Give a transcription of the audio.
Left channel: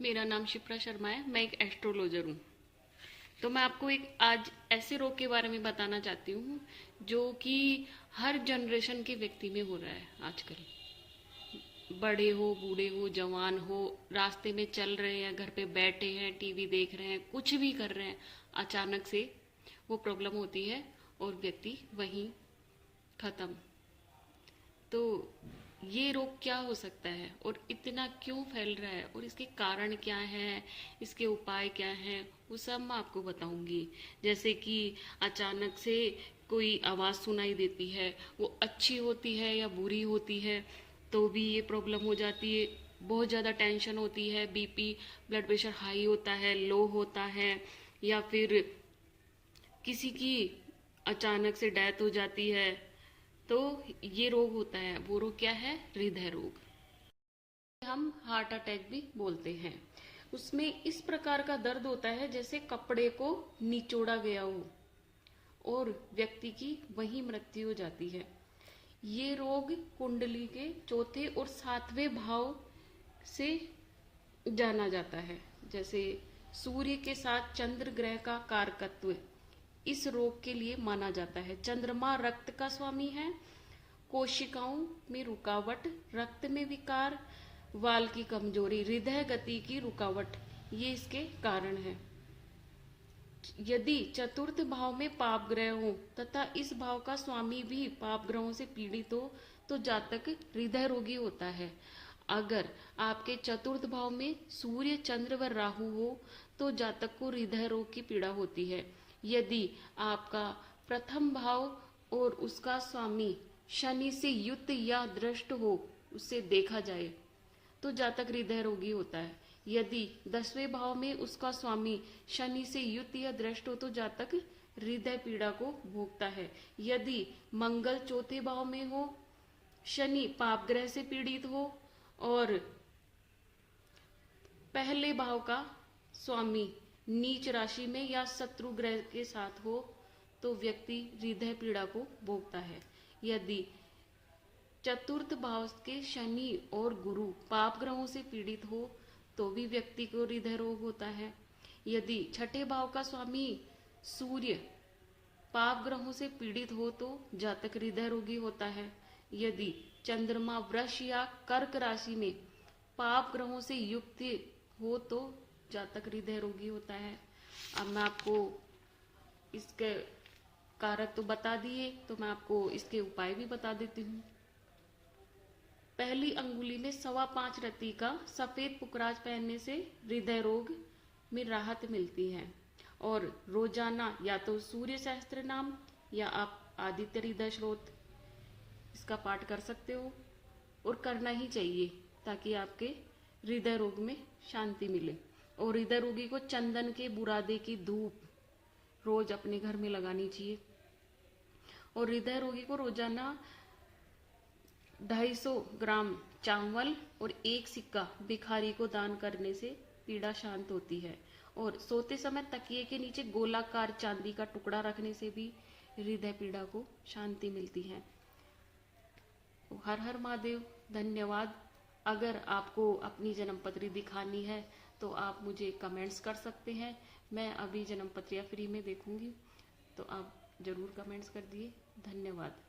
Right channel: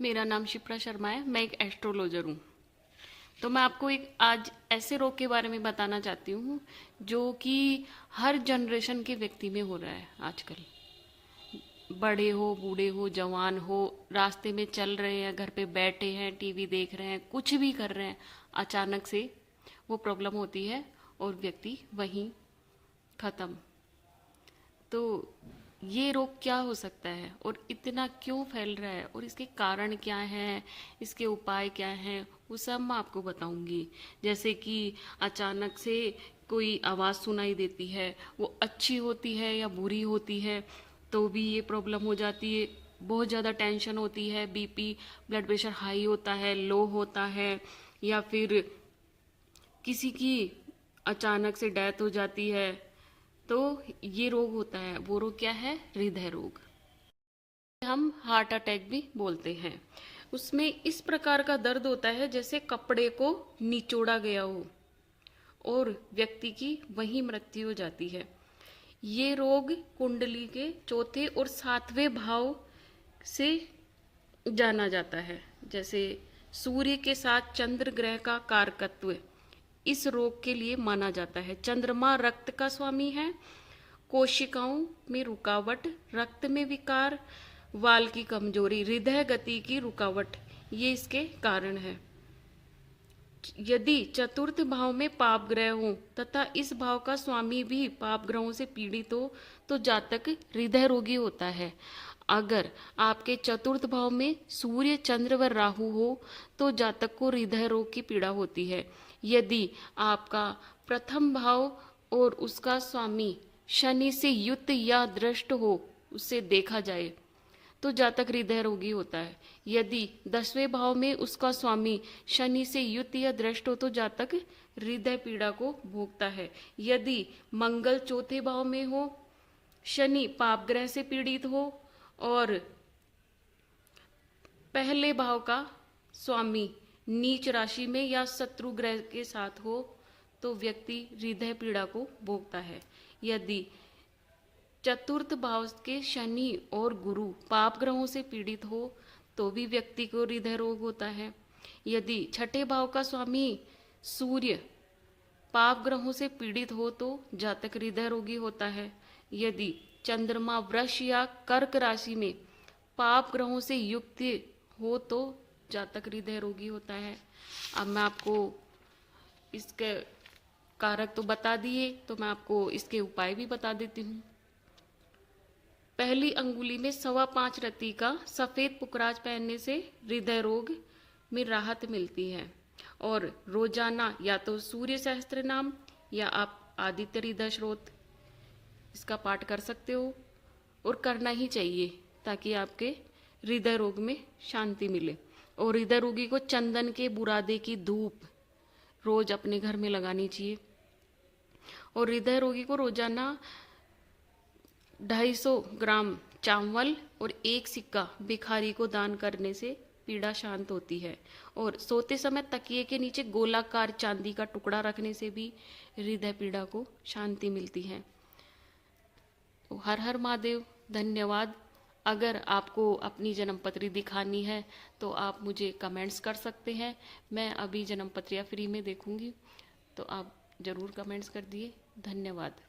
मेरा नाम शिप्रा शर्मा है। मैं एक एस्ट्रोलॉजर हूँ। तो मैं आपको एक आज ऐसे रोग के बारे में बताना चाहती हूँ जो कि हर जनरेशन के व्यक्ति में हो रहा है आजकल। बड़े हो, बूढ़े हो, जवान हो, रास्ते में चल रहे हैं, घर पे बैठे हैं, टीवी देख रहे हैं, कुछ भी कर रहे हैं, अचानक से वो प्रॉब्लम होती है और व्यक्ति वहीं खत्म। तो ये रोग क्या हो सकता है और इतना क्यों फैल रहा है और इसके कारण क्या है, इसके उपाय क्या हैं, वो सब मैं आपको बताऊंगी। जैसे कि अचानक से कोई आवाज़ सुनाई देती है, वो अच्छी होती है या बुरी होती है, तो भी ये प्रॉब्लम हो जाती है। बहुत ज़्यादा टेंशन होती है, बीपी, ब्लड प्रेशर हाई होता है, लो होता है, या फिर किसी की अचानक से डेथ हो जाती है, तो ये रोग होता है। वो रोग क्या है? हृदय रोग। हम हार्ट अटैक भी बोलते हैं। उसमें इस प्रकार का दर्द होता है जैसे कपड़े को निचोड़ा गया हो और व्यक्ति की वहीं मृत्यु हो जाती है। ये रोग कुंडली के चौथे और सातवें भाव से जाना जाता है। जैसे सूर्य के साथ चंद्र ग्रह का कारकत्व इस रोग के लिए माना जाता है। चंद्रमा रक्त का स्वामी है। कोशिकाओं में रुकावट, रक्त में विकार, वाल की कमजोरी, हृदय गति की रुकावट, ये इसके कारण है। यदि चतुर्थ भाव में पाप ग्रह हो तथा इस भाव का स्वामी भी पाप ग्रहों से पीड़ित हो तो जातक हृदय रोगी होता है। अगर आपके चतुर्थ भाव में सूर्य, चंद्र व राहु हो तो जातक को हृदय रोग की पीड़ा होती है। यदि आपका प्रथम भाव और उसका स्वामी शनि से युक्त या दृष्ट हो, उससे देखा जाए, तो जातक हृदय रोगी होता है। यदि 10वें भाव में उसका स्वामी शनि से युक्त या दृष्ट हो तो जातक हृदय पीड़ा को भोगता है। यदि मंगल चौथे भाव में हो, शनि पाप ग्रह से पीड़ित हो और पहले भाव का स्वामी नीच राशि में या शत्रु ग्रह के साथ हो तो व्यक्ति हृदय पीड़ा को भोगता है। यदि चतुर्थ भाव के शनि और गुरु पाप ग्रहों से पीड़ित हो तो भी व्यक्ति को हृदय रोग होता है। यदि छठे भाव का स्वामी सूर्य पाप ग्रहों से पीड़ित हो तो जातक हृदय रोगी होता है। यदि चंद्रमा वृष या कर्क राशि में पाप ग्रहों से युक्त हो तो जातक हृदय रोगी होता है। अब मैं आपको इसके कारक तो बता दिए, तो मैं आपको इसके उपाय भी बता देती हूँ। पहली अंगुली में 5.25 रत्ती का सफेद पुखराज पहनने से हृदय रोग में राहत मिलती है। और रोजाना या तो सूर्य सहस्त्र नाम या आप आदित्य हृदय स्रोत इसका पाठ कर सकते हो, और करना ही चाहिए ताकि आपके हृदय रोग में शांति मिले। और हृदय रोगी को चंदन के बुरादे की धूप रोज अपने घर में लगानी चाहिए। और हृदय रोगी को रोजाना 250 ग्राम चावल और 1 सिक्का भिखारी को दान करने से पीड़ा शांत होती है। और सोते समय तकिए के नीचे गोलाकार चांदी का टुकड़ा रखने से भी हृदय पीड़ा को शांति मिलती है। तो हर हर महादेव। धन्यवाद। अगर आपको अपनी जन्मपत्री दिखानी है तो आप मुझे कमेंट्स कर सकते हैं। मैं अभी जन्मपत्रियाँ फ्री में देखूंगी, तो आप ज़रूर कमेंट्स कर दिए। धन्यवाद।